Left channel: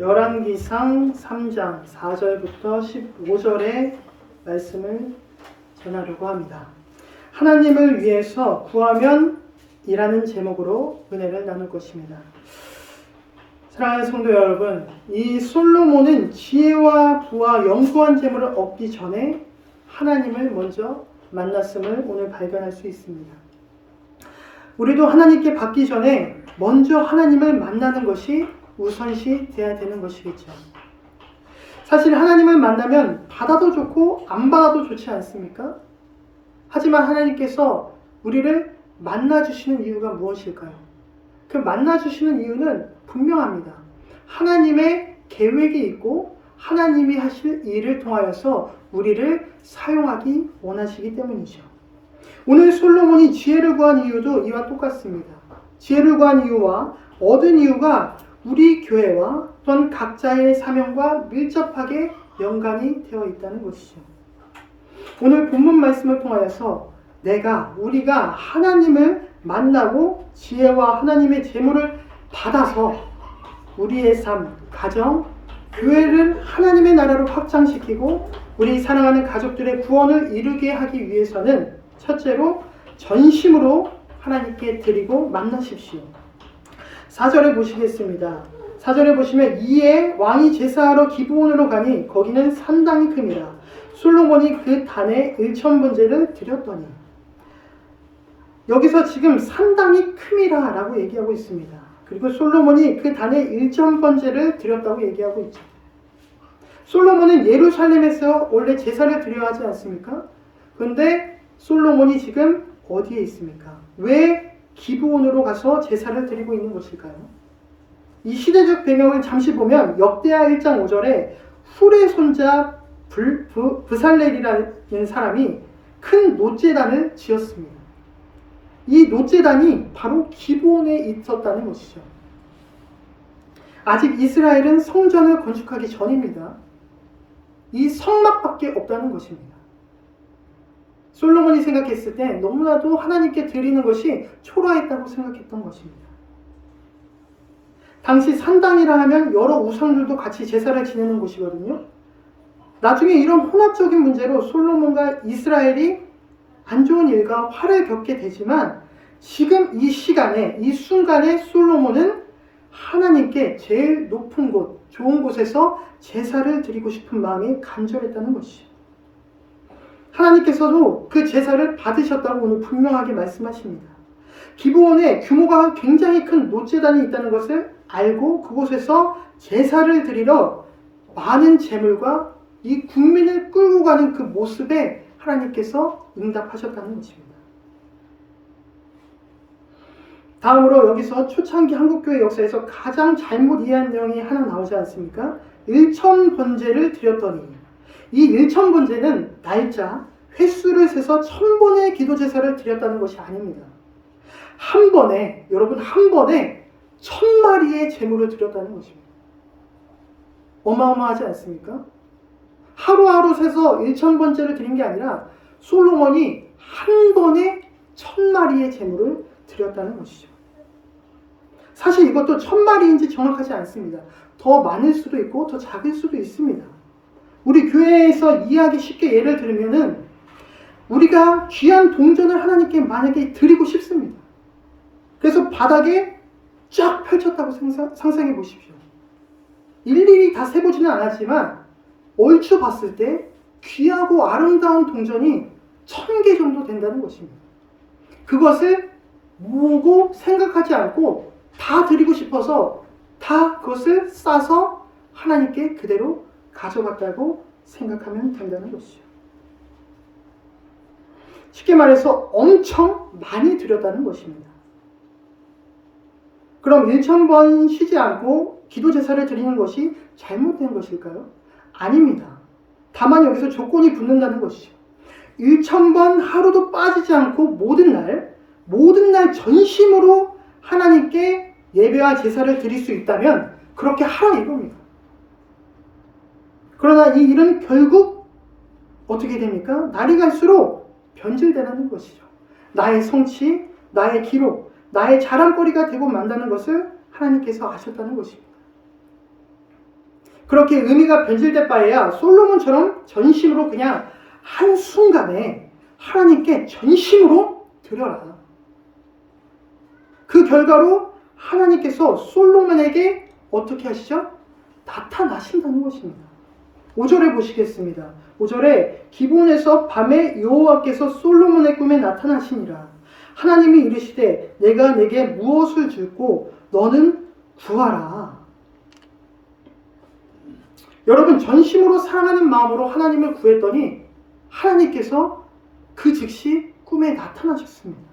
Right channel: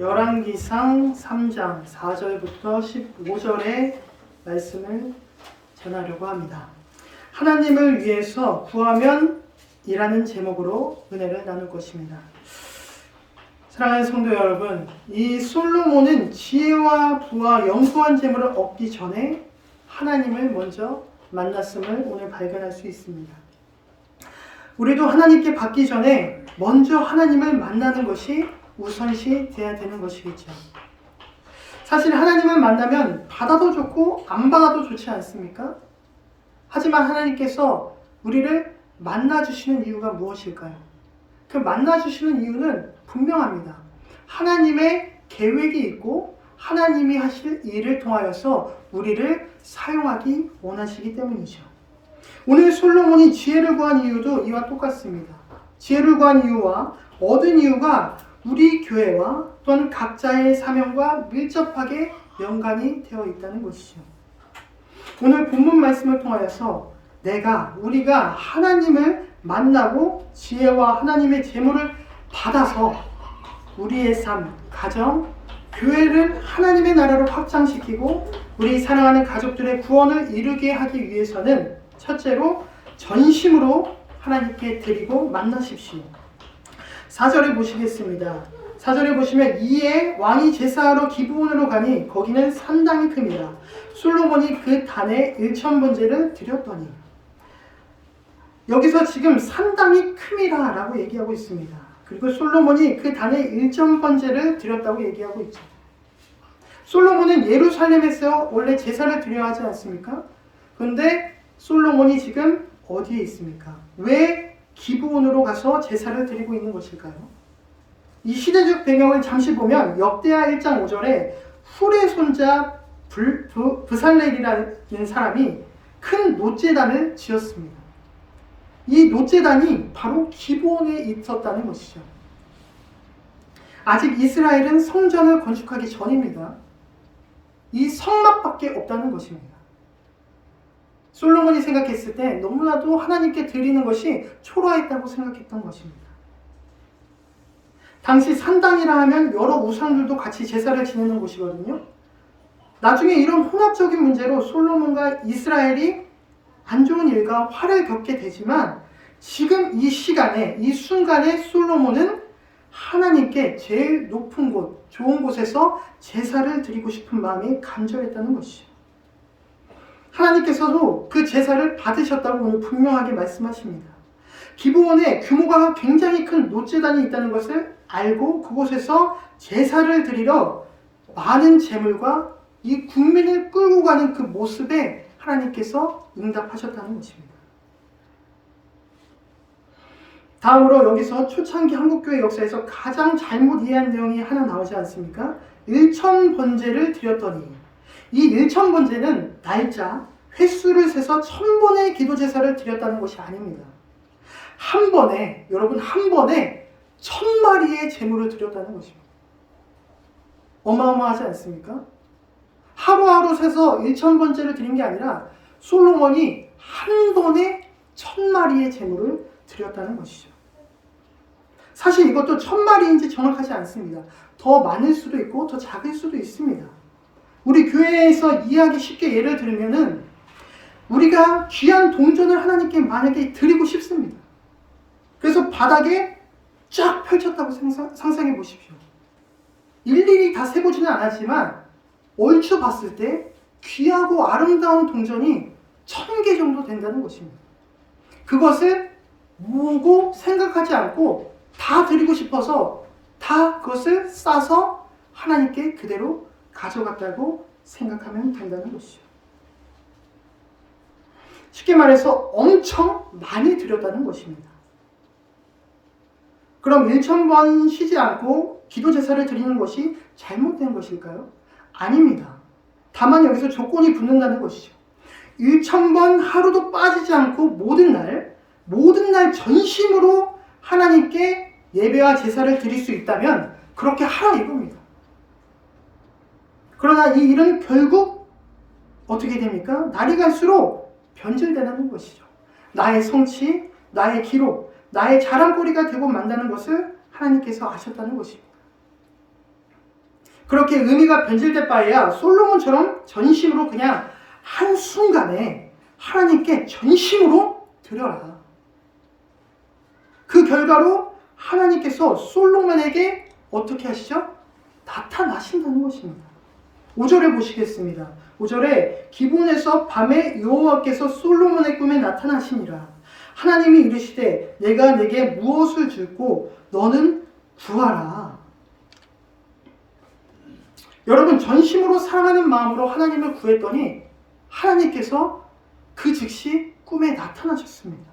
열왕기상 3장 4절부터 15절의 말씀을 전하려고 합니다. 하나님을 위해서 구하면 이라는 제목으로 은혜를 나눌 것입니다. 사랑하는 성도 여러분, 이 솔로몬은 지혜와 부와 영구한 재물을 얻기 전에 하나님을 먼저 만났음을 오늘 발견할 수 있습니다. 우리도 하나님께 받기 전에 먼저 하나님을 만나는 것이 우선시 돼야 되는 것이겠죠. 사실 하나님을 만나면 받아도 좋고 안 받아도 좋지 않습니까? 하지만 하나님께서 우리를 만나주시는 이유가 무엇일까요? 그 만나주시는 이유는 분명합니다. 하나님의 계획이 있고 하나님이 하실 일을 통하여서 우리를 사용하기 원하시기 때문이죠. 오늘 솔로몬이 지혜를 구한 이유도 이와 똑같습니다. 지혜를 구한 이유와 얻은 이유가 우리 교회와 또한 각자의 사명과 밀접하게 연관이 되어 있다는 것이죠. 오늘 본문 말씀을 통하여서 우리가 하나님을 만나고 지혜와 하나님의 재물을 받아서 우리의 삶, 가정, 교회를 하나님의 나라로 확장시키고 우리 사랑하는 가족들의 구원을 이루게 하기 위해서는 첫째로 전심으로 하나님께 드리고 만나십시오. 4절에 보시겠습니다. 4절에 보시면 이에 왕이 제사하러 기브온으로 가니 거기는 산당이 큼이라. 솔로몬이 그 단에 1,000번제를 드렸더니. 여기서 지금 산당이 큼이라 라고 얘기하고 있습니다. 그리고 솔로몬이 그 단에 1,000번제를 드렸다고 얘기하고 있죠. 솔로몬은 예루살렘에서 원래 제사를 드려야 하지 않습니까? 그런데 솔로몬이 지금 어디에 있습니까? 왜 기브온으로 가서 제사를 드리고 있는 것일까요? 이 시대적 배경을 잠시 보면 역대하 1장 5절에 훌의 손자 브살렐이라는 사람이 큰 놋제단을 지었습니다. 이 놋제단이 바로 기브온에 있었다는 것이죠. 아직 이스라엘은 성전을 건축하기 전입니다. 이 성막밖에 없다는 것입니다. 솔로몬이 생각했을 때 너무나도 하나님께 드리는 것이 초라했다고 생각했던 것입니다. 당시 산당이라 하면 여러 우상들도 같이 제사를 지내는 곳이거든요. 나중에 이런 혼합적인 문제로 솔로몬과 이스라엘이 안 좋은 일과 화를 겪게 되지만 지금 이 시간에, 이 순간에 솔로몬은 하나님께 제일 높은 곳, 좋은 곳에서 제사를 드리고 싶은 마음이 간절했다는 것이죠. 하나님께서도 그 제사를 받으셨다고 오늘 분명하게 말씀하십니다. 기브온에 규모가 굉장히 큰 놋제단이 있다는 것을 알고 그곳에서 제사를 드리러 많은 재물과 이 국민을 끌고 가는 그 모습에 하나님께서 응답하셨다는 것입니다. 다음으로 여기서 초창기 한국교회 역사에서 가장 잘못 이해한 내용이 하나 나오지 않습니까? 1,000번제를 드렸더니 이 1,000번제는 날짜, 횟수를 세서 1,000번의 기도제사를 드렸다는 것이 아닙니다. 한 번에 1,000마리의 제물을 드렸다는 것입니다. 어마어마하지 않습니까? 하루하루 세서 1,000번제를 드린 게 아니라 솔로몬이 한 번에 1,000마리의 제물을 드렸다는 것이죠. 사실 이것도 1,000마리인지 정확하지 않습니다. 더 많을 수도 있고 더 작을 수도 있습니다. 우리 교회에서 이해하기 쉽게 예를 들면은 우리가 귀한 동전을 하나님께 만약에 드리고 싶습니다. 그래서 바닥에 쫙 펼쳤다고 상상해 보십시오. 일일이 다 세보지는 않았지만 얼추 봤을 때 귀하고 아름다운 동전이 1,000개 정도 된다는 것입니다. 그것을 모으고 생각하지 않고 다 드리고 싶어서 다 그것을 싸서 하나님께 그대로 가져갔다고 생각하면 된다는 것이죠. 쉽게 말해서 엄청 많이 드렸다는 것입니다. 그럼 1,000번 쉬지 않고 기도제사를 드리는 것이 잘못된 것일까요? 아닙니다. 다만 여기서 조건이 붙는다는 것이죠. 1,000번 하루도 빠지지 않고 모든 날 전심으로 하나님께 예배와 제사를 드릴 수 있다면 그렇게 하라 이겁니다. 그러나 이 일은 결국 어떻게 됩니까? 날이 갈수록 변질되는 것이죠. 나의 성취, 나의 기록, 나의 자랑거리가 되고 만다는 것을 하나님께서 아셨다는 것입니다. 그렇게 의미가 변질될 바에야 솔로몬처럼 전심으로 그냥 한순간에 하나님께 전심으로 드려라. 그 결과로 하나님께서 솔로몬에게 어떻게 하시죠? 나타나신다는 것입니다. 5절에 보시겠습니다. 5절에 기브온에서 밤에 여호와께서 솔로몬의 꿈에 나타나시니라. 하나님이 이르시되 내가 내게 무엇을 줄고 너는 구하라. 여러분, 전심으로 사랑하는 마음으로 하나님을 구했더니 하나님께서 그 즉시 꿈에 나타나셨습니다.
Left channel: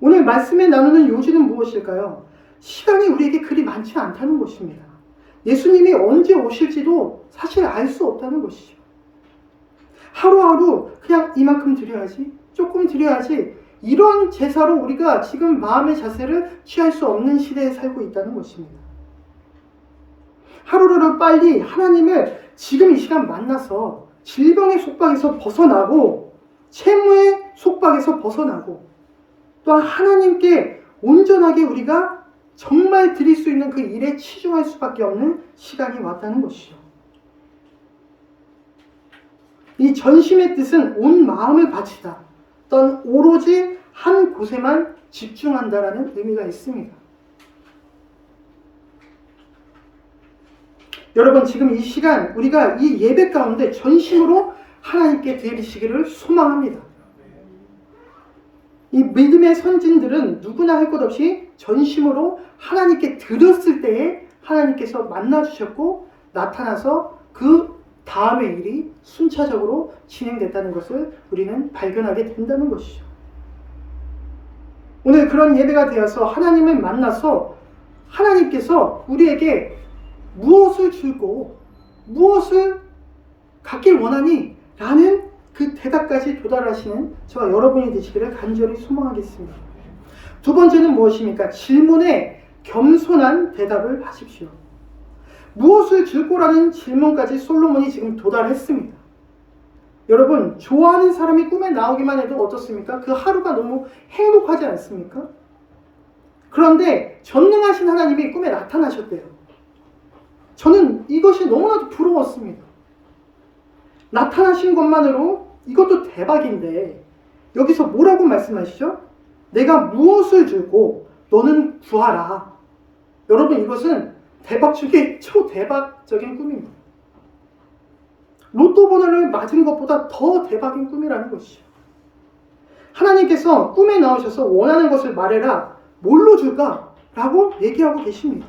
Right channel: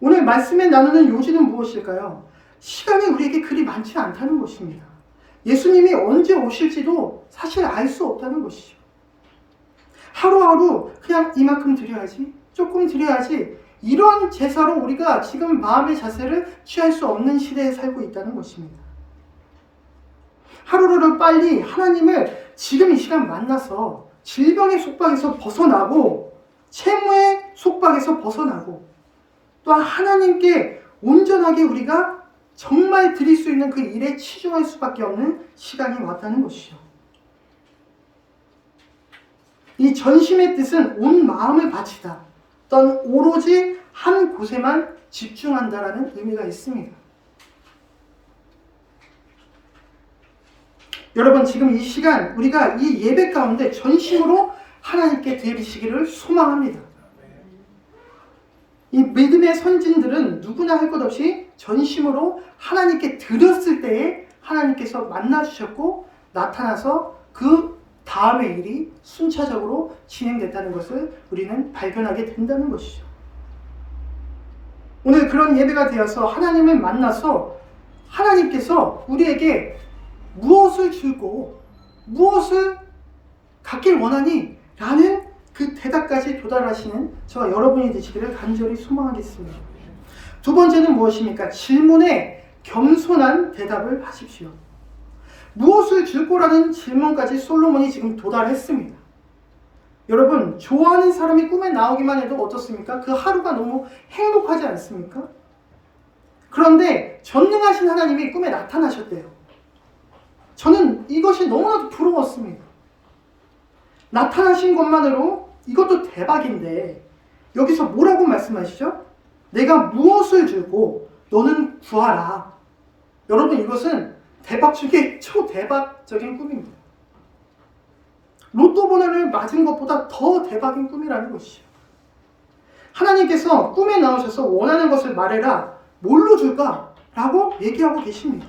오늘 말씀에 나누는 요지는 무엇일까요? 시간이 우리에게 그리 많지 않다는 것입니다. 예수님이 언제 오실지도 사실 알 수 없다는 것이죠. 하루하루 그냥 이만큼 드려야지, 조금 드려야지, 이런 제사로 우리가 지금 마음의 자세를 취할 수 없는 시대에 살고 있다는 것입니다. 하루를 빨리 하나님을 지금 이 시간 만나서 질병의 속박에서 벗어나고 채무의 속박에서 벗어나고 또한 하나님께 온전하게 우리가 정말 드릴 수 있는 그 일에 치중할 수밖에 없는 시간이 왔다는 것이죠. 이 전심의 뜻은 온 마음을 바치다, 또한 오로지 한 곳에만 집중한다라는 의미가 있습니다. 여러분, 지금 이 시간 우리가 이 예배 가운데 전심으로 하나님께 드리시기를 소망합니다. 이 믿음의 선진들은 누구나 할 것 없이 전심으로 하나님께 드렸을 때에 하나님께서 만나주셨고 나타나서 그 다음의 일이 순차적으로 진행됐다는 것을 우리는 발견하게 된다는 것이죠. 오늘 그런 예배가 되어서 하나님을 만나서 하나님께서 우리에게 무엇을 줄고 무엇을 갖길 원하니? 라는 그 대답까지 도달하시는 저와 여러분이 되시기를 간절히 소망하겠습니다. 두 번째는 무엇입니까? 질문에 겸손한 대답을 하십시오. 무엇을 줄 거라는 질문까지 솔로몬이 지금 도달했습니다. 여러분, 좋아하는 사람이 꿈에 나오기만 해도 어떻습니까? 그 하루가 너무 행복하지 않습니까? 그런데 전능하신 하나님이 꿈에 나타나셨대요. 저는 이것이 너무나도 부러웠습니다. 나타나신 것만으로 이것도 대박인데 여기서 뭐라고 말씀하시죠? 내가 무엇을 줄고 너는 구하라. 여러분, 이것은 대박 중에 초대박적인 꿈입니다. 로또 번호를 맞은 것보다 더 대박인 꿈이라는 것이죠. 하나님께서 꿈에 나오셔서 원하는 것을 말해라. 뭘로 줄까? 라고 얘기하고 계십니다.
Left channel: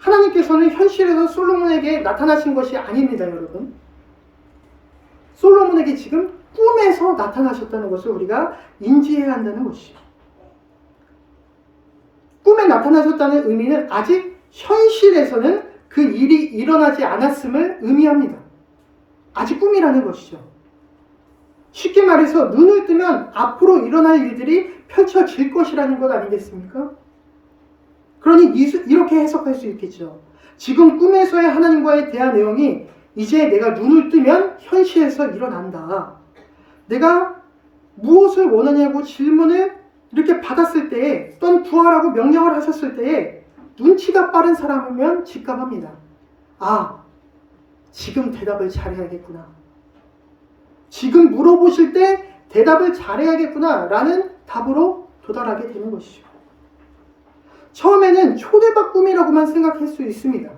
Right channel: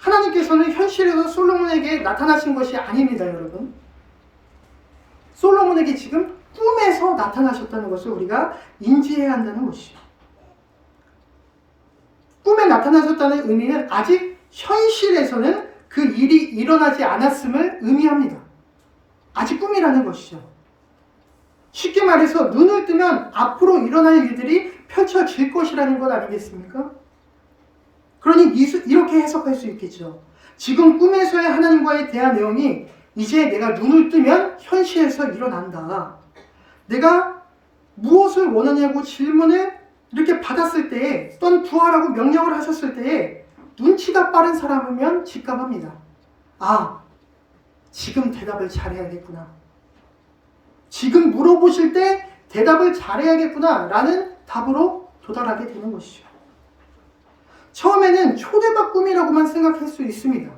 하나님께서는 현실에서 솔로몬에게 나타나신 것이 아닙니다, 여러분. 솔로몬에게 지금 꿈에서 나타나셨다는 것을 우리가 인지해야 한다는 것이죠. 꿈에 나타나셨다는 의미는 아직 현실에서는 그 일이 일어나지 않았음을 의미합니다. 아직 꿈이라는 것이죠. 쉽게 말해서 눈을 뜨면 앞으로 일어날 일들이 펼쳐질 것이라는 것 아니겠습니까? 그러니 이렇게 해석할 수 있겠죠. 지금 꿈에서의 하나님과의 대화 내용이 이제 내가 눈을 뜨면 현실에서 일어난다. 내가 무엇을 원하냐고 질문을 이렇게 받았을 때에, 또는 구하라고 명령을 하셨을 때에 눈치가 빠른 사람이면 직감합니다. 아, 지금 대답을 잘해야겠구나. 지금 물어보실 때 대답을 잘해야겠구나 라는 답으로 도달하게 되는 것이죠. 처음에는 초대박 꿈이라고만 생각할 수 있습니다.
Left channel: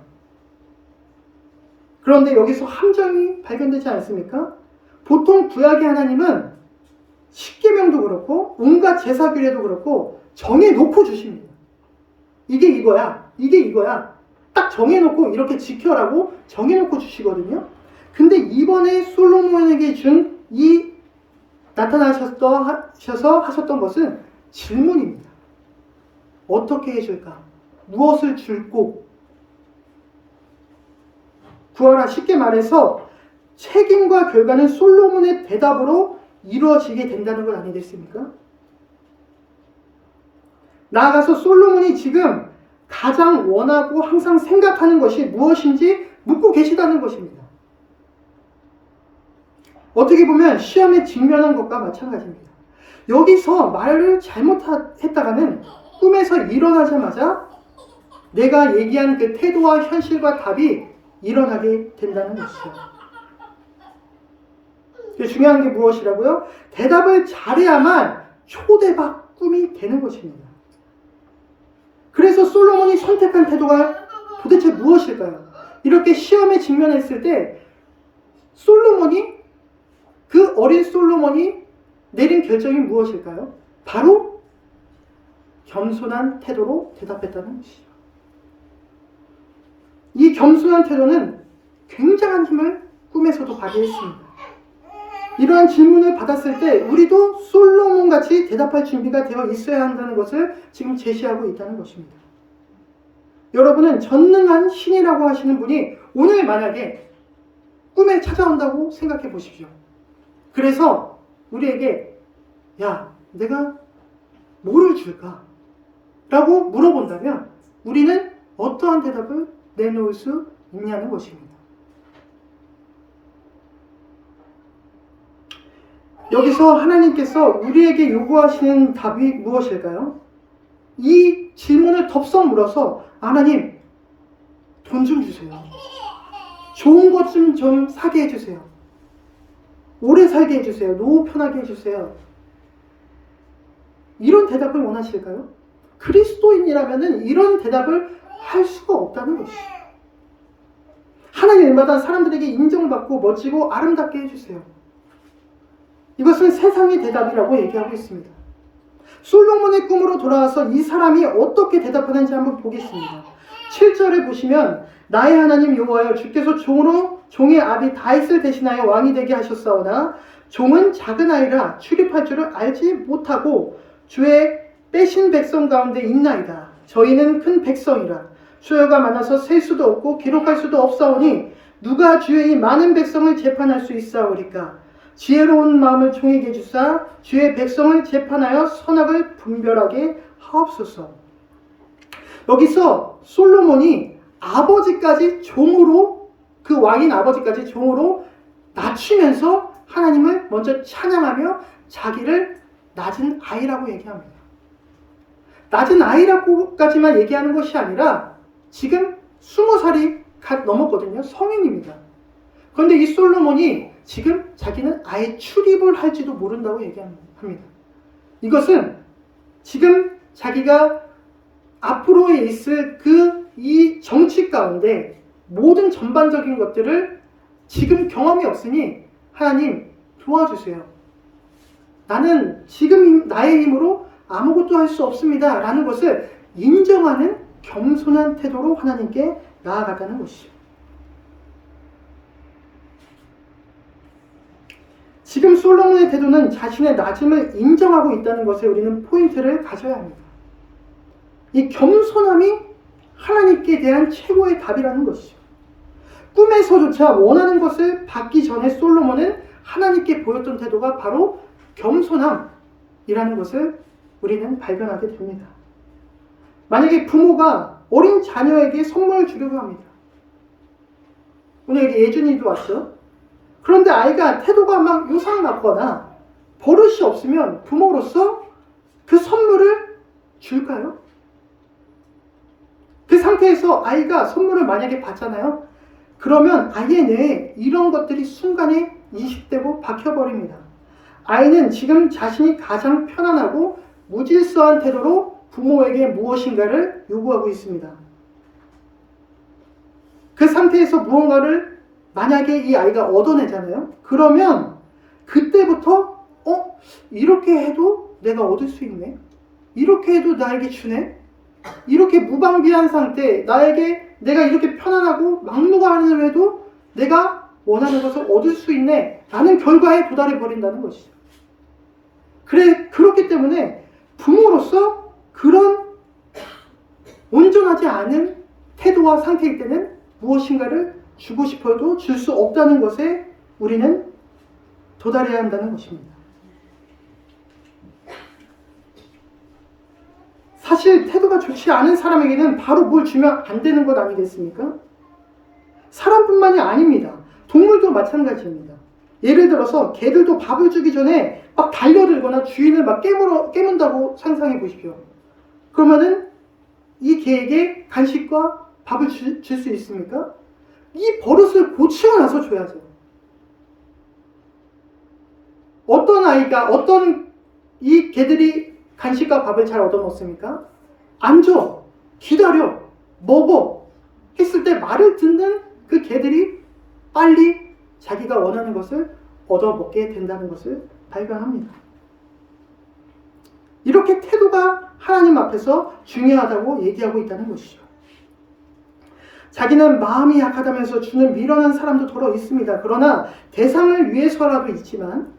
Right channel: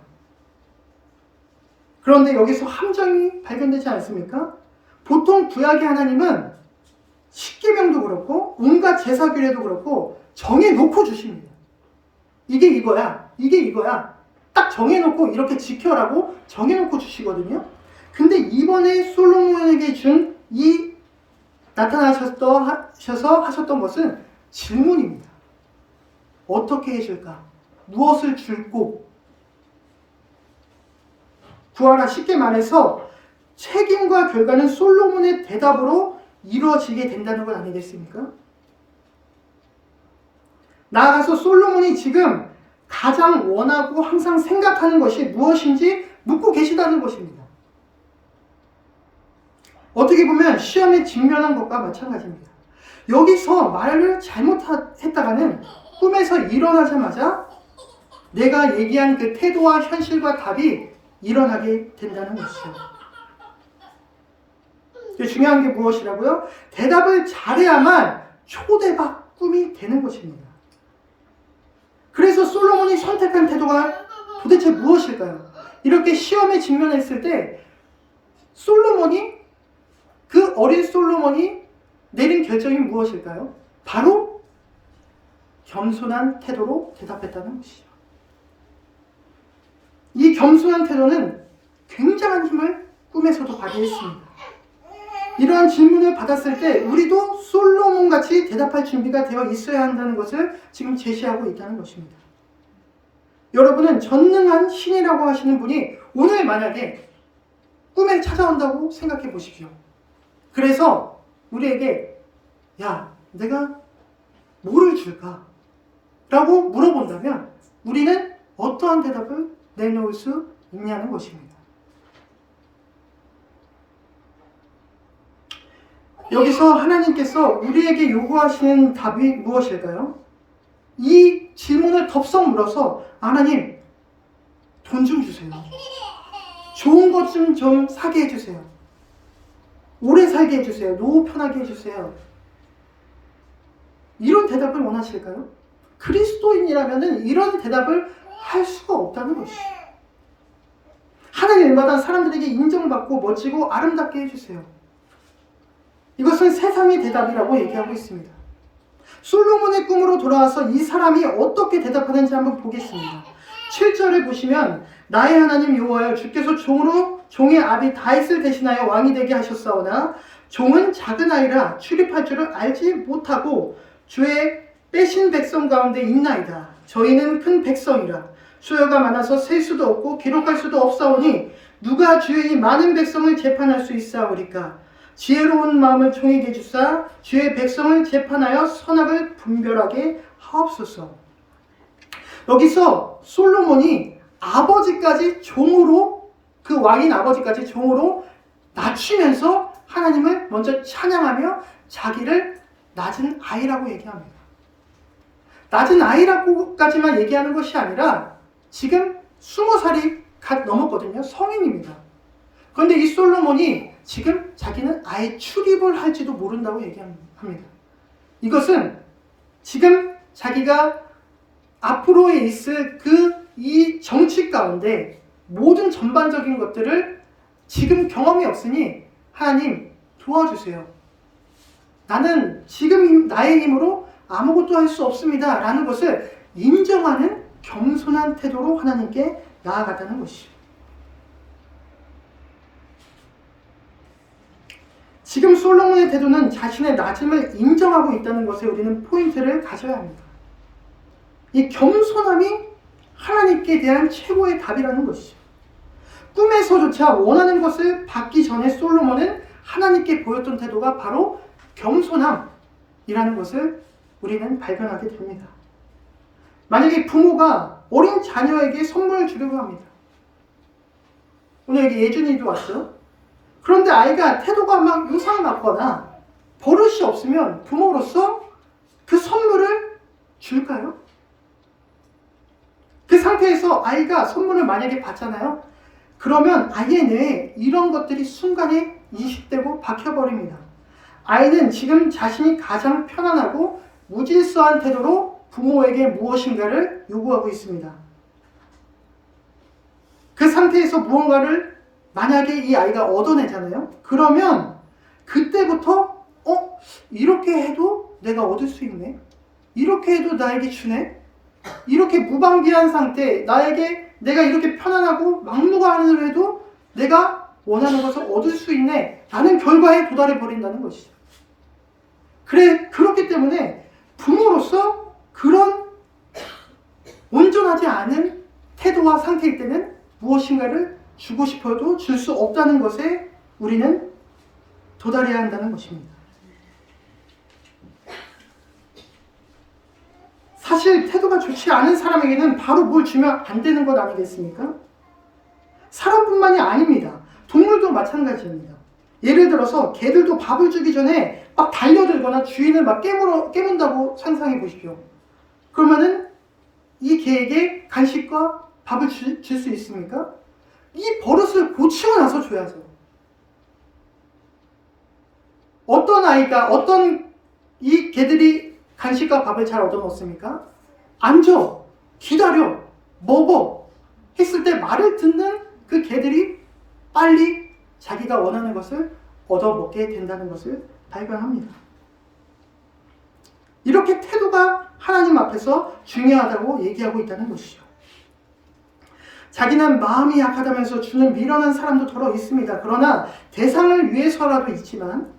그런데 여기서 함정이 발견되지 않습니까? 보통 구약의 하나님은 십계명도 그렇고 온갖 제사 규례도 그렇고 정해놓고 주십니다. 이게 이거야, 이게 이거야. 딱 정해놓고 이렇게 지켜라고 정해놓고 주시거든요. 근데 이번에 솔로몬에게 준 이 나타나셔서 하셨던 것은 질문입니다. 어떻게 해줄까? 무엇을 줄고? 구하라. 쉽게 말해서 책임과 결과는 솔로몬의 대답으로 이루어지게 된다는 것 아니겠습니까? 나아가서 솔로몬이 지금 가장 원하고 항상 생각하는 것이 무엇인지 묻고 계시다는 것입니다. 어떻게 보면 시험에 직면한 것과 마찬가지입니다. 여기서 말을 잘못했다가는 꿈에서 일어나자마자 내가 얘기한 그 태도와 현실과 답이 일어나게 된다는 것이죠. 중요한 게 무엇이라고요? 대답을 잘해야만 초대박 꿈이 되는 것입니다. 그래서 솔로몬이 선택한 태도가 도대체 무엇일까요? 이렇게 시험에 직면했을 때 그 어린 솔로몬이 내린 결정이 무엇일까요? 바로 겸손한 태도로 대답했다는 것이죠. 이 겸손한 태도는 굉장한 힘을 꿈에서도 발휘했습니다. 이러한 질문을 받았을 때 우리도 솔로몬같이 대답할 준비가 되어 있어야 한다는 것을 지금 제시하고 있다는 것입니다. 여러분은 전능한 신이라고 하시는 분이 오늘 만약에 꿈에 찾아온다고 생각해 보십시오. 그래서 우리에게 야, 내가 뭐를 줄까? 라고 물어본다면 우리는 어떠한 대답을 내놓을 수 있냐는 것입니다. 여기서 하나님께서 우리에게 요구하시는 답이 무엇일까요? 이 질문을 덥석 물어서 하나님, 돈 좀 주세요. 좋은 것 좀 사게 해주세요. 오래 살게 해주세요. 노후 편하게 해주세요. 이런 대답을 원하실까요? 그리스도인이라면 이런 대답을 할 수가 없다는 것이죠. 하는 일마다 사람들에게 인정받고 멋지고 아름답게 해주세요. 이것은 세상의 대답이라고 얘기하고 있습니다. 솔로몬의 꿈으로 돌아와서 이 사람이 어떻게 대답하는지 한번 보겠습니다. 7절을 보시면 나의 하나님 여호와여 주께서 종의 아비 다윗을 대신하여 왕이 되게 하셨사오나 종은 작은 아이라 출입할 줄을 알지 못하고 주의 빼신 백성 가운데 있나이다. 저희는 큰 백성이라 수요가 많아서 셀 수도 없고 기록할 수도 없사오니 누가 주의 이 많은 백성을 재판할 수 있사오리까. 지혜로운 마음을 종에게 주사 주의 백성을 재판하여 선악을 분별하게 하옵소서. 여기서 솔로몬이 아버지까지 종으로, 그 왕인 아버지까지 종으로 낮추면서 하나님을 먼저 찬양하며 자기를 낮은 아이라고 얘기합니다. 낮은 아이라고까지만 얘기하는 것이 아니라 지금 20살이 갓 넘었거든요. 성인입니다. 그런데 이 솔로몬이 지금 자기는 아예 출입을 할지도 모른다고 얘기합니다. 이것은 지금 자기가 앞으로에 있을 이 정치 가운데 모든 전반적인 것들을 지금 경험이 없으니 하나님 도와주세요. 나는 지금 나의 힘으로 아무것도 할 수 없습니다. 라는 것을 인정하는 겸손한 태도로 하나님께 나아갔다는 것이죠. 지금 솔로몬의 태도는 자신의 낮음을 인정하고 있다는 것에 우리는 포인트를 가져야 합니다. 이 겸손함이 하나님께 대한 최고의 답이라는 것이죠. 꿈에서조차 원하는 것을 받기 전에 솔로몬은 하나님께 보였던 태도가 바로 겸손함이라는 것을 우리는 발견하게 됩니다. 만약에 부모가 어린 자녀에게 선물을 주려고 합니다. 오늘 여기 예준이도 왔죠? 그런데 아이가 태도가 막 요상하거나 버릇이 없으면 부모로서 그 선물을 줄까요? 그 상태에서 아이가 선물을 만약에 받잖아요. 그러면 아이의 뇌에 이런 것들이 순간에 인식되고 박혀버립니다. 아이는 지금 자신이 가장 편안하고 무질서한 태도로 부모에게 무엇인가를 요구하고 있습니다. 그 상태에서 무언가를 만약에 이 아이가 얻어내잖아요. 그러면 그때부터 이렇게 해도 내가 얻을 수 있네. 이렇게 해도 나에게 주네. 이렇게 무방비한 상태, 내가 이렇게 편안하고 막무가내로 해도 내가 원하는 것을 얻을 수 있네 라는 결과에 도달해 버린다는 것이죠. 그렇기 때문에 부모로서 그런 온전하지 않은 태도와 상태일 때는 무엇인가를 주고 싶어도 줄 수 없다는 것에 우리는 도달해야 한다는 것입니다. 사실 태도가 좋지 않은 사람에게는 바로 뭘 주면 안 되는 것 아니겠습니까? 사람뿐만이 아닙니다. 동물도 마찬가지입니다. 예를 들어서 개들도 밥을 주기 전에 막 달려들거나 주인을 막 깨문다고 상상해 보십시오. 그러면은 이 개에게 간식과 밥을 줄 수 있습니까? 이 버릇을 고치고 나서 줘야죠. 어떤 이 개들이 간식과 밥을 잘 얻어 먹습니까? 앉아, 기다려, 먹어 했을 때 말을 듣는 그 개들이 빨리 자기가 원하는 것을 얻어 먹게 된다는 것을 발견합니다. 이렇게 태도가 하나님 앞에서 중요하다고 얘기하고 있다는 것이죠. 자기는 마음이 약하다면서 주는 미련한 사람도 더러 있습니다. 그러나 대상을 위해서라도 있지만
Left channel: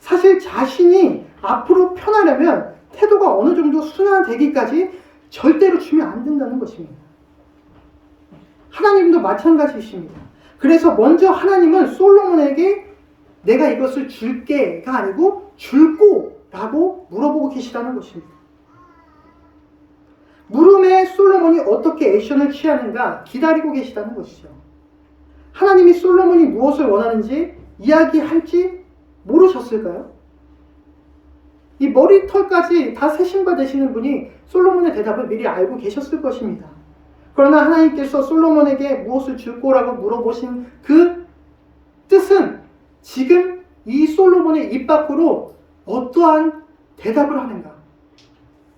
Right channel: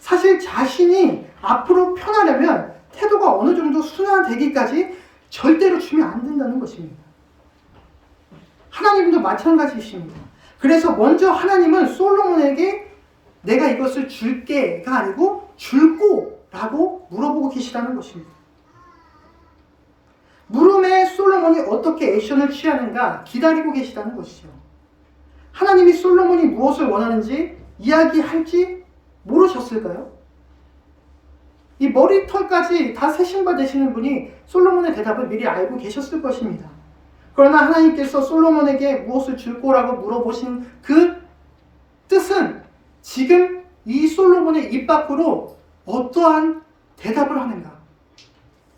사실 자신이 앞으로 편하려면 태도가 어느 정도 순화되기까지 절대로 주면 안 된다는 것입니다. 하나님도 마찬가지이십니다. 그래서 먼저 하나님은 솔로몬에게 내가 이것을 줄게가 아니고 줄꼬라고 물어보고 계시다는 것입니다. 물음에 솔로몬이 어떻게 액션을 취하는가 기다리고 계시다는 것이죠. 하나님이 솔로몬이 무엇을 원하는지 이야기할지 모르셨을까요? 이 머리털까지 다 세심바 되시는 분이 솔로몬의 대답을 미리 알고 계셨을 것입니다. 그러나 하나님께서 솔로몬에게 무엇을 줄 거라고 물어보신 그 뜻은 지금 이 솔로몬의 입 밖으로 어떠한 대답을 하는가,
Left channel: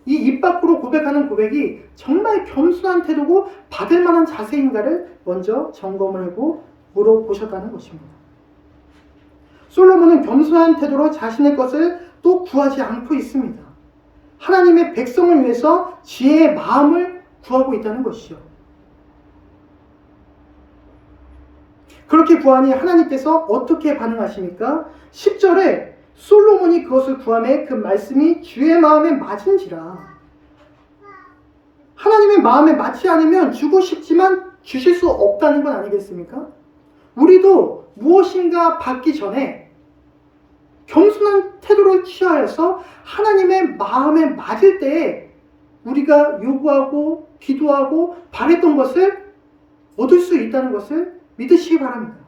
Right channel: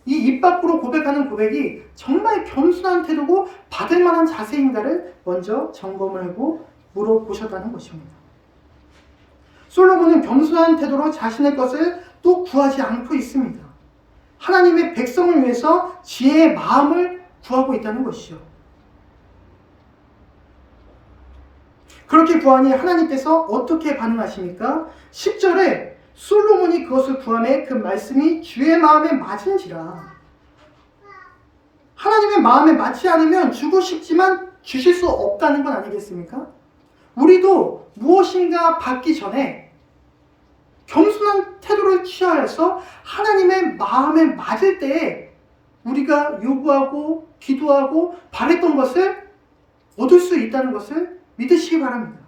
이 입 밖으로 고백하는 고백이 정말 겸손한 태도고 받을 만한 자세인가를 먼저 점검을 하고 물어보셨다는 것입니다. 솔로몬은 겸손한 태도로 자신의 것을 또 구하지 않고 있습니다. 하나님의 백성을 위해서 지혜의 마음을 구하고 있다는 것이죠. 그렇게 구하니 하나님께서 어떻게 반응하십니까? 10절에 솔로몬이 그것을 구하매 그 말씀이 주의 마음에 맞은지라. 하나님의 마음에 맞지 않으면 주고 싶지만 주실 수 없다는 건 아니겠습니까? 우리도 무엇인가 받기 전에 겸손한 태도를 취하여서 하나님의 마음에 맞을 때에 우리가 요구하고 기도하고 바랬던 것을 얻을 수 있다는 것을 믿으시기 바랍니다.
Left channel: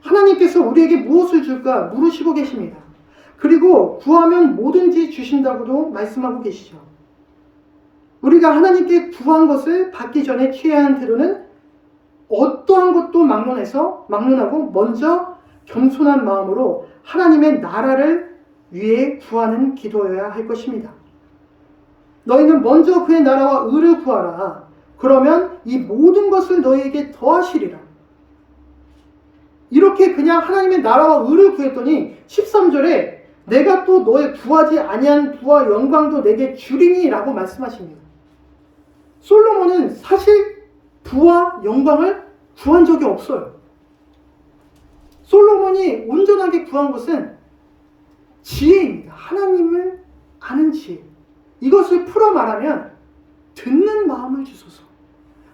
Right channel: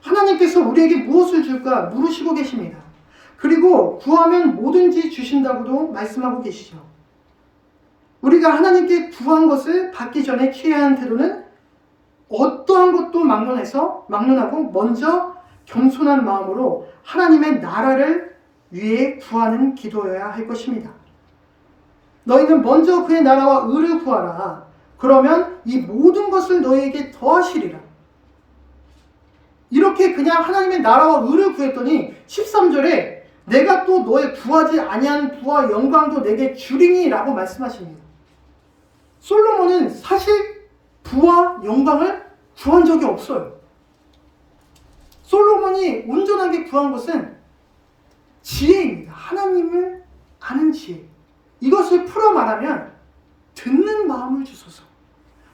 하나님께서 우리에게 무엇을 줄까 물으시고 계십니다. 그리고 구하면 뭐든지 주신다고도 말씀하고 계시죠. 우리가 하나님께 구한 것을 받기 전에 취해야 하는 태도는 어떠한 것도 막론하고 먼저 겸손한 마음으로 하나님의 나라를 위해 구하는 기도여야 할 것입니다. 너희는 먼저 그의 나라와 의를 구하라. 그러면 이 모든 것을 너희에게 더하시리라. 이렇게 그냥 하나님의 나라와 의를 구했더니 13절에 내가 또 너의 구하지 아니한 부와 영광도 내게 주리니 라고 말씀하십니다. 솔로몬은 사실 부와 영광을 구한 적이 없어요. 솔로몬이 온전하게 구한 것은 지혜입니다. 하나님을 아는 지혜. 이것을 풀어 말하면 듣는 마음을 주소서.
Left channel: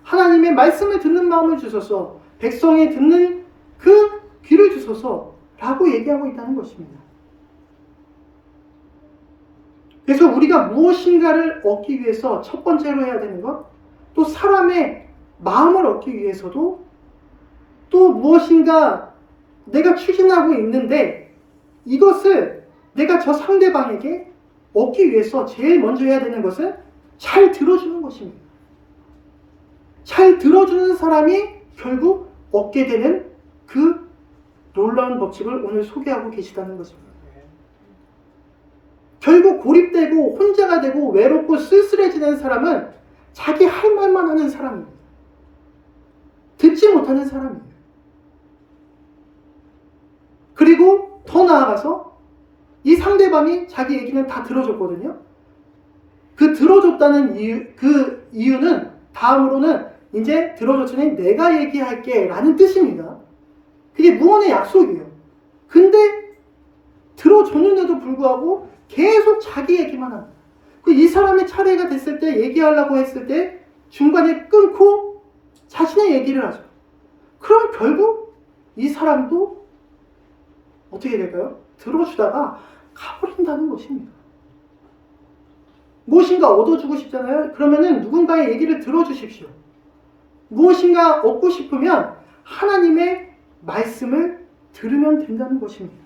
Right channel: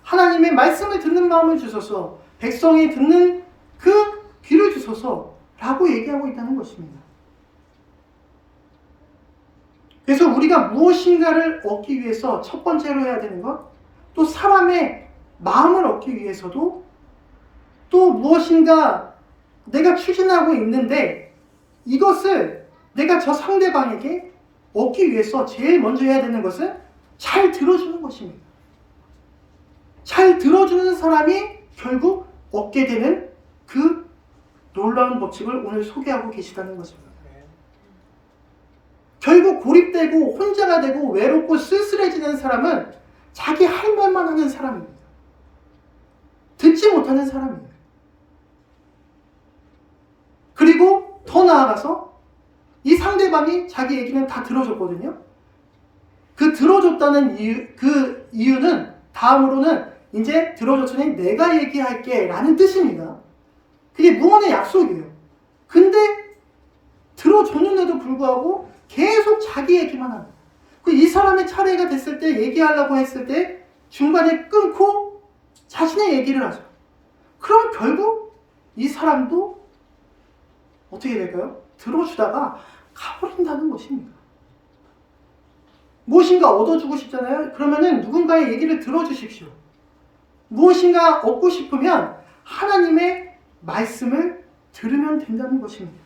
하나님의 말씀을 듣는 마음을 주소서. 백성이 듣는 그 귀를 주소서 라고 얘기하고 있다는 것입니다. 그래서 우리가 무엇인가를 얻기 위해서 첫 번째로 해야 되는 것, 또 사람의 마음을 얻기 위해서도 또 무엇인가 내가 추진하고 있는데 이것을 내가 저 상대방에게 얻기 위해서 제일 먼저 해야 되는 것은 잘 들어주는 것입니다. 잘 들어주는 사람이 결국 얻게 되는 그 놀라운 법칙을 오늘 소개하고 계시다는 것입니다. 결국 고립되고 혼자가 되고 외롭고 쓸쓸해지는 사람은 자기 할 말만 하는 사람입니다. 듣지 못하는 사람입니다. 그리고 더 나아가서 이 상대방이 자기 얘기는 다 들어줬거든요. 그 들어줬다는 이유는 다음으로는 이제 들어줬으니 내가 얘기할게 라는 뜻입니다. 그게 무언의 약속이에요. 근데 들어줬는데도 불구하고 계속 자기 얘기만 합니다. 이 사람의 차례가 됐을 때 얘기하려고 했을 때 중간에 끊고 자신의 얘기를 하죠. 그럼 결국 이 사람도 어떻게 될까요? 들어주다가 가버린다는 것입니다. 무엇인가 얻어주고 싶잖아요. 그러면은 누군가의 얘기를 들어주십시오. 무엇인가 얻고 싶으면 하나님의 말씀을 들으면 된다는 것입니다.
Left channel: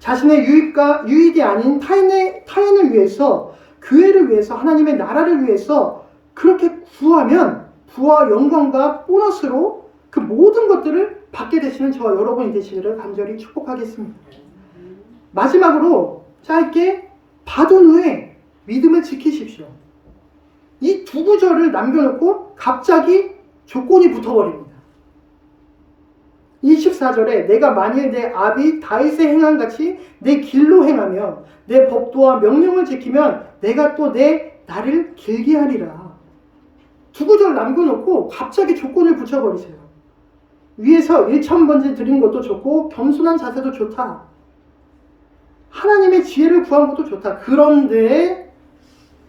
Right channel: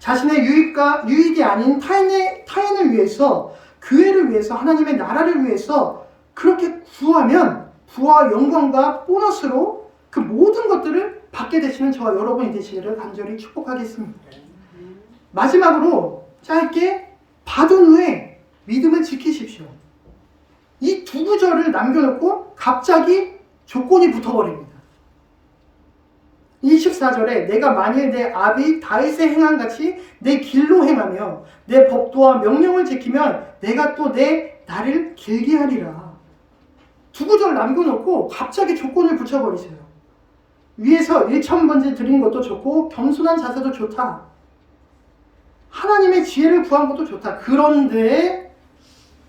자신의 유익이 아닌 타인을 위해서 교회를 위해서, 하나님의 나라를 위해서 그렇게 구하면 부와 영광과 보너스로 그 모든 것들을 받게 되시는 저와 여러분이 되시기를 간절히 축복하겠습니다. 마지막으로 짧게 받은 후에 믿음을 지키십시오. 이 두 구절을 남겨놓고 갑자기 조건이 붙어버립니다. 24절에 내가 만일 내 아비 다윗의 행한 같이 내 길로 행하며 내 법도와 명령을 지키면 내가 또 내 날을 길게 하리라. 두 구절 남겨놓고 갑자기 조건을 붙여버리세요. 위에서 1,000번째 드린 것도 좋고 겸손한 자세도 좋다. 하나님의 지혜를 구한 것도 좋다. 그런데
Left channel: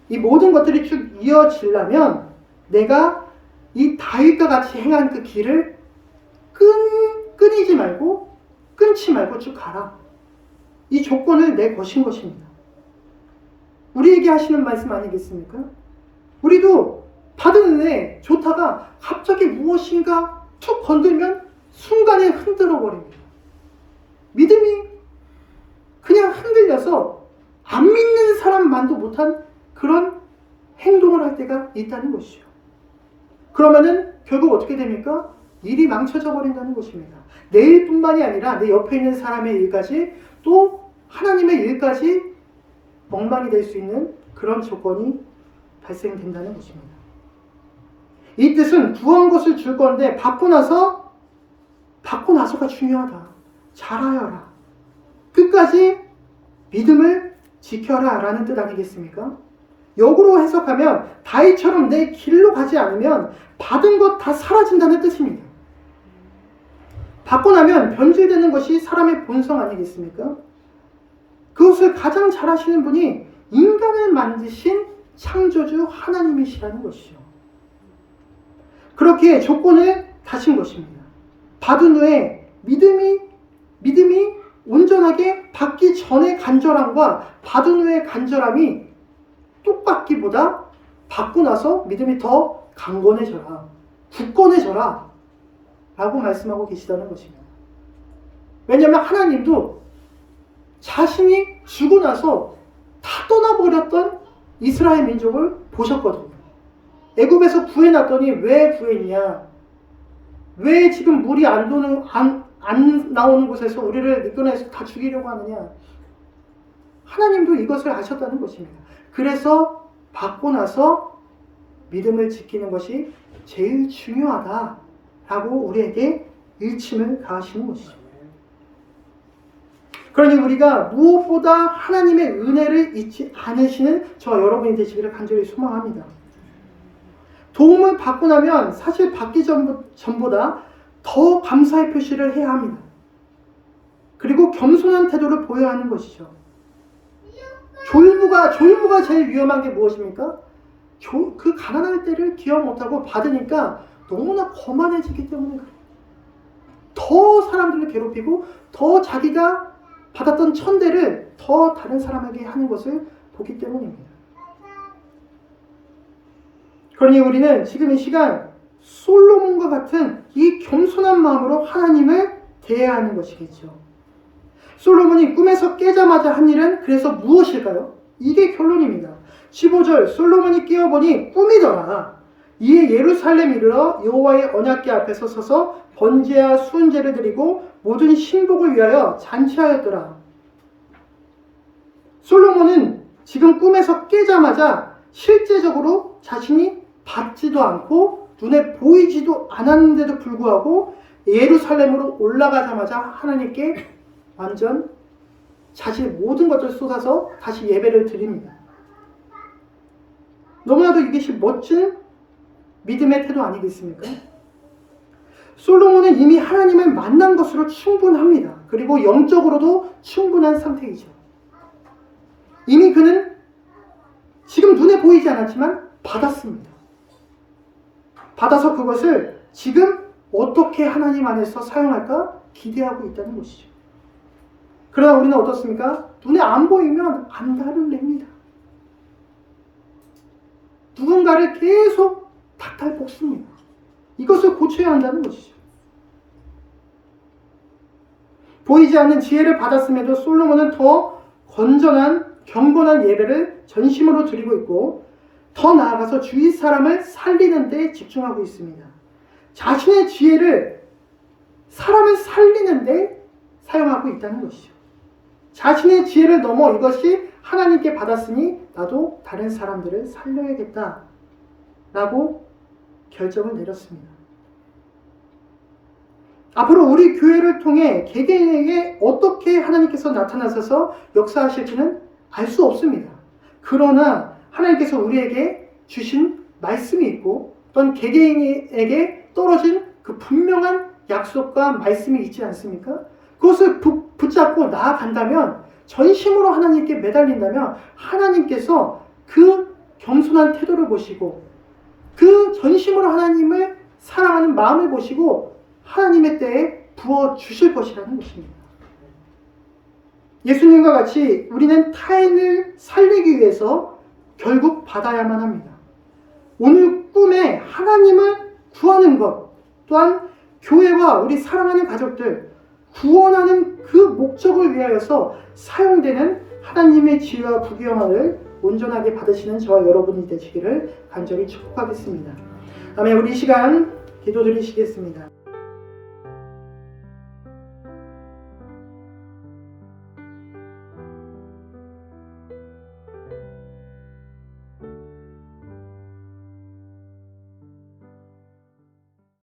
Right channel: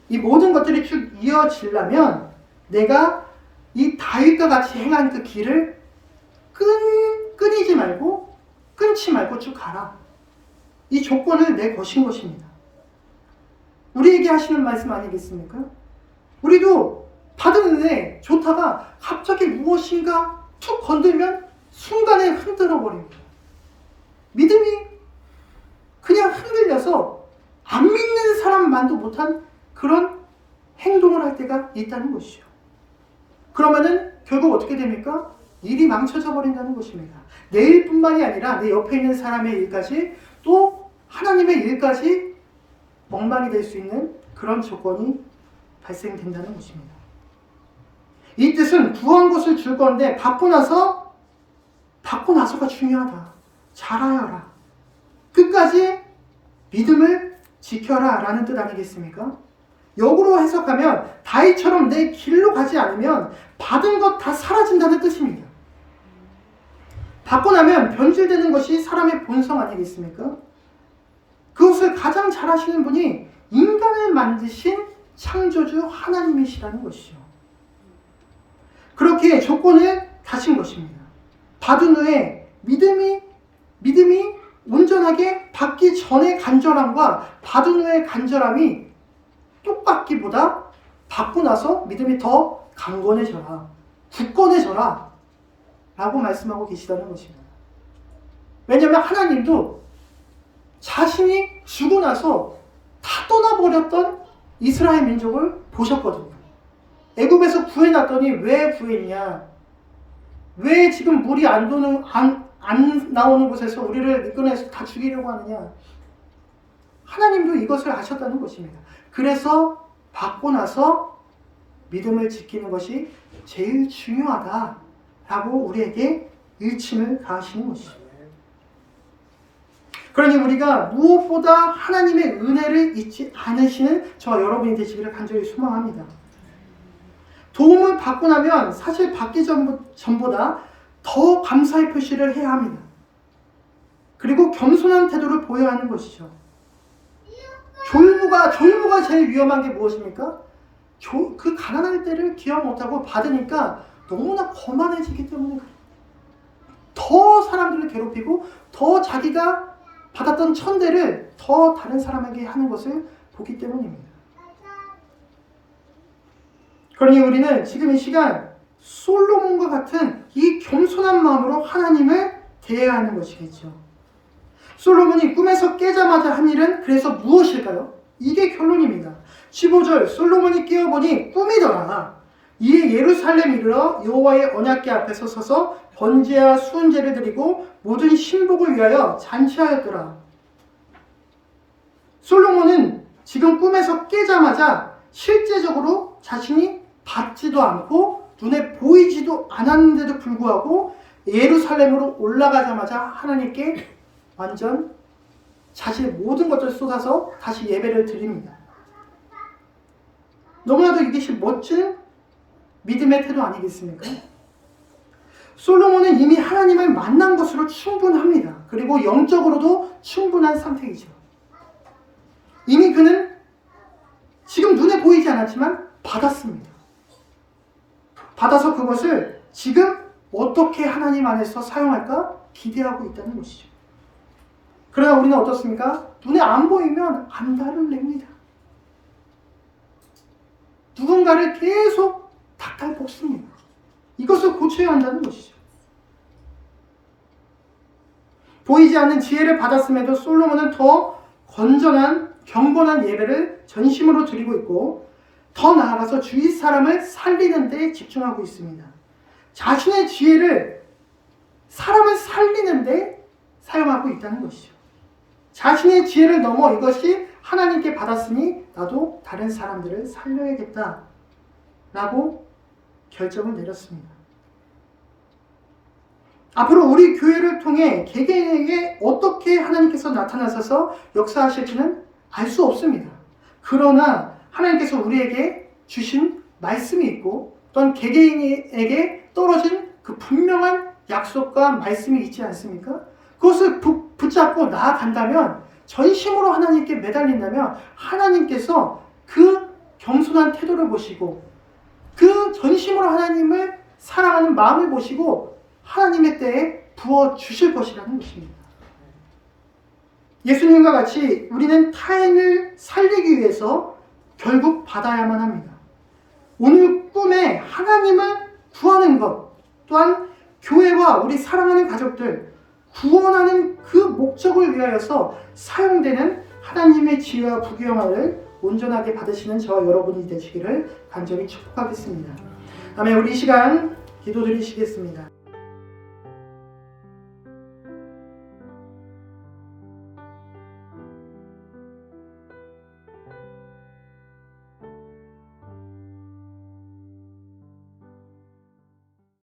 이 모든 것들이 쭉 이어지려면 내가 이 다윗과 같이 행한 그 길을 끊지 말고 쭉 가라. 이 조건을 내거신 것입니다. 우리에게 하시는 말씀 아니겠습니까? 우리도 받은 은혜 좋다가 갑자기 무엇인가 툭 건들면 순간에 흔들어 버립니다. 믿음이 그냥 흔들려서 안 믿는 사람만도 못한 그런 행동을 할 때가 있다는 것이죠. 그러면은 결국 어떻게 됩니까? 일이 망쳐져 버린다는 것입니다. 내 일뿐만이 아니라 내 옆에 있는 사람의 일까지 또 하나님의 일까지 엉망이 될 수 있는 그런 조건이 발생된다는 것입니다. 이 뜻은 구한 것을 줄 건데 받고 나서가 중요하다. 잘하여라. 끝까지 믿음을 지켜라 라는 뜻 아니겠습니까? 역으로 해석하면 다윗처럼 내 길로 가지 않으면 받은 것 다 사라진다는 뜻입니다. 받고 나면 변질되는 것이 사람의 본성 아니겠습니까? 그것을 가장 잘 하시는 분이 인간을 만드신 창조주 하나님이시라는 것이죠. 그렇게 조건을 다신 것입니다. 받은 후에 믿음이 온전하게 받기 전의 간절함과 받은 후의 간절함이 똑같기보다 받고 나서 믿음이 더 강건해져라, 굳건해져라 라고 말씀하고 계시다는 것입니다. 왜냐하면 하나님도 자신이 죽고 나서 다 떠나버렸던 이스라엘 민족을 보셨거든요. 애굽에서 구해놨더니 왜 구했냐? 왜 지금 물이 안 나오는 곳에서 우리를 이끌어내서 다 죽이려고 하느냐? 하나님도 이것을 아셨다는 것입니다. 그래서 받고 나서 믿음을 지키는 것이 제일 중요하다라고 우리에게 일침을 가하시는 것이죠. 그러니 우리가 무엇보다 하나님의 은혜를 잊지 않으시는 저와 여러분이 되시기를 간절히 소망합니다. 도움을 받고 나면 사실 받기 전보다 더 감사의 표시를 해야 합니다. 그리고 겸손한 태도를 보여야 하는 것이죠. 졸부가 제일 위험한 게 무엇입니까? 그 가난할 때를 기억 못하고 받으니까 너무나 거만해지기 때문에 더 사람들을 괴롭히고 더 자기가 받았던 천대를 더 다른 사람에게 하는 것을 보기 때문입니다. 그러니 우리는 지금 이 시간 솔로몬과 같은 이 겸손한 마음으로 하나님을 대해야 하는 것이겠죠. 솔로몬이 꿈에서 깨자마자 한 일은 그래서 무엇일까요? 이게 결론입니다. 15절 솔로몬이 깨어보니 꿈이더라. 이에 예루살렘 이르러 여호와의 언약궤 앞에서 서서 번제와 수은제를 드리고 모든 신복을 위하여 잔치하였더라. 솔로몬은 지금 꿈에서 깨자마자 실제적으로 자신이 받지도 않고 눈에 보이지도 않았는데도 불구하고 예루살렘으로 올라가자마자 하나님께 완전 자신의 모든 것들을 쏟아서 다시 예배를 드립니다. 너무나도 이것이 멋진 믿음의 태도 아니겠습니까? 솔로몬은 이미 하나님을 만난 것으로 충분합니다. 그리고 영적으로도 충분한 상태이죠. 이미 그는 지금 눈에 보이지 않았지만 받았습니다. 받아서 그것을 지금 어떻게 하나님 안에서 사용할까 기대하고 있다는 것이죠. 그러나 우리는 어떻습니까? 눈에 안 보이면 안달을 냅니다. 누군가를 계속 닥달 볶습니다. 이것을 고쳐야 한다는 것이죠. 보이지 않는 지혜를 받았음에도 솔로몬은 더 건전한 경건한 예배를 전심으로 드리고 있고 더 나아가서 주위 사람을 살리는 데 집중하고 있습니다. 자신의 지혜를 사람을 살리는 데 사용하고 있다는 것이죠. 자신의 지혜를 넘어 이것이 하나님께 받았으니 나도 다른 사람들을 살려야겠다 라고 결정을 내렸습니다. 앞으로 우리 교회를 통해 개개인에게 어떻게 하나님께서 나타나셔서 역사하실지는 알 수 없습니다. 그러나 하나님께서 우리에게 주신 말씀이 있고 또한 개개인에게 떨어진 그 분명한 약속과 말씀이 있지 않습니까? 그것을 붙잡고 나아간다면, 전심으로 하나님께 매달린다면 하나님께서 그 겸손한 태도를 보시고 그 전심으로 하나님을 사랑하는 마음을 보시고 하나님의 때에 부어주실 것이라는 것입니다. 예수님과 같이 우리는 타인을 살리기 위해서 결국 받아야만 합니다. 오늘 꿈에 하나님을 구하는 것, 또한 교회와 우리 사랑하는 가족들 구원하는 그 목적을 위하여서 사용되는 하나님의 지혜와 부귀영화를 온전하게 받으시는 저와 여러분이 되시기를 간절히 축복하겠습니다. 아멘. 우리 이 시간 기도드리시겠습니다.